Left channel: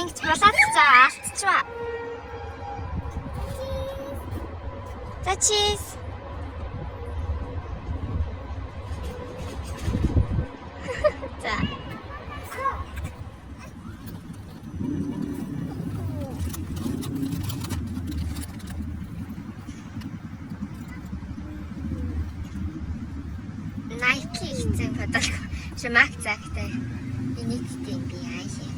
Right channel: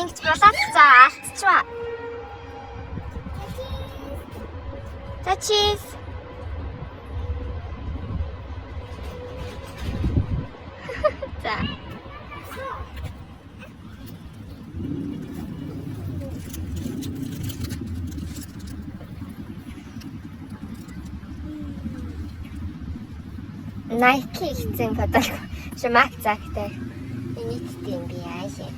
ингэж болоод цаа алдчихва. За чиз. За. Nike хийсэн фото шимак цагтай. Энийг тийм би яашаа.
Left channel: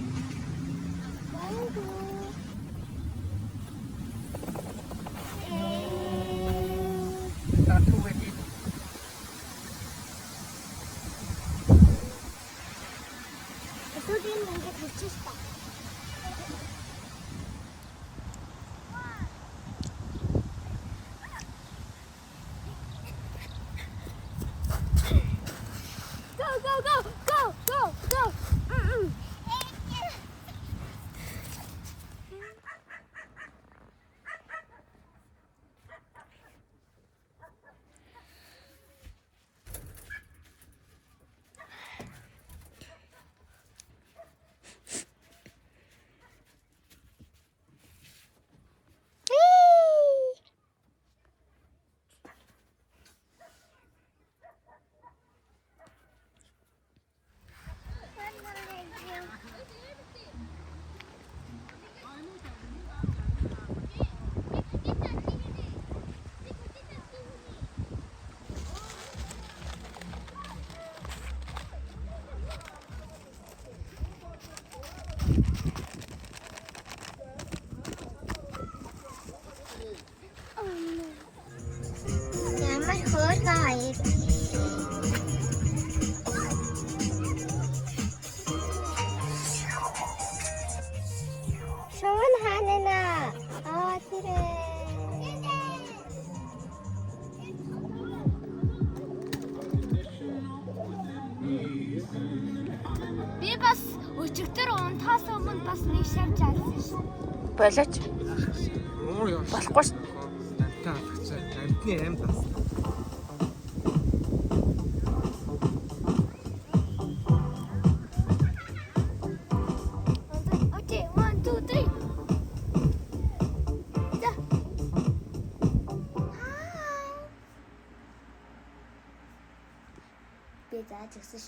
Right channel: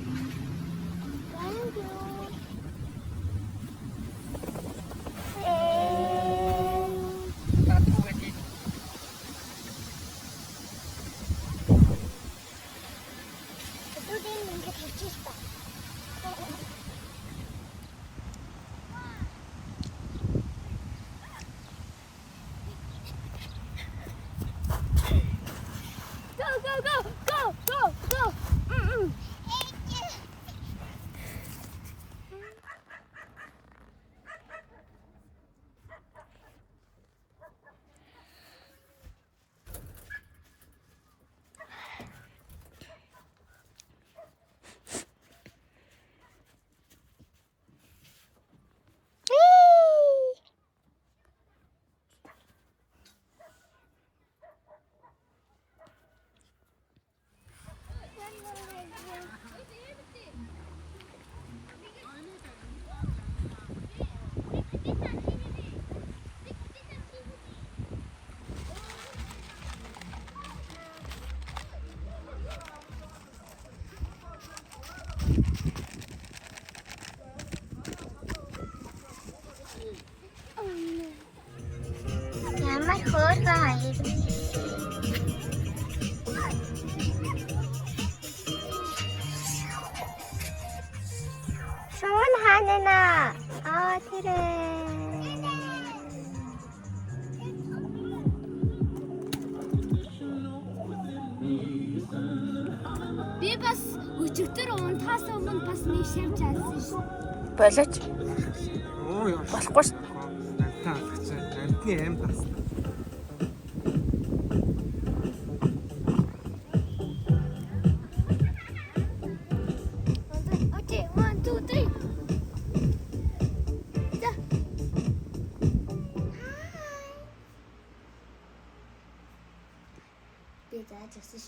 Ямар хөөрхөн хоёр. Шон ханана. Тэр. Би бас өчигдөр унтахаас өмнө бас нэг шавж алсан ш. Болооч. Болохгүй ш. Амтны аим бас. Окей, 1 2 3. За. Би зааж өгсөн ш.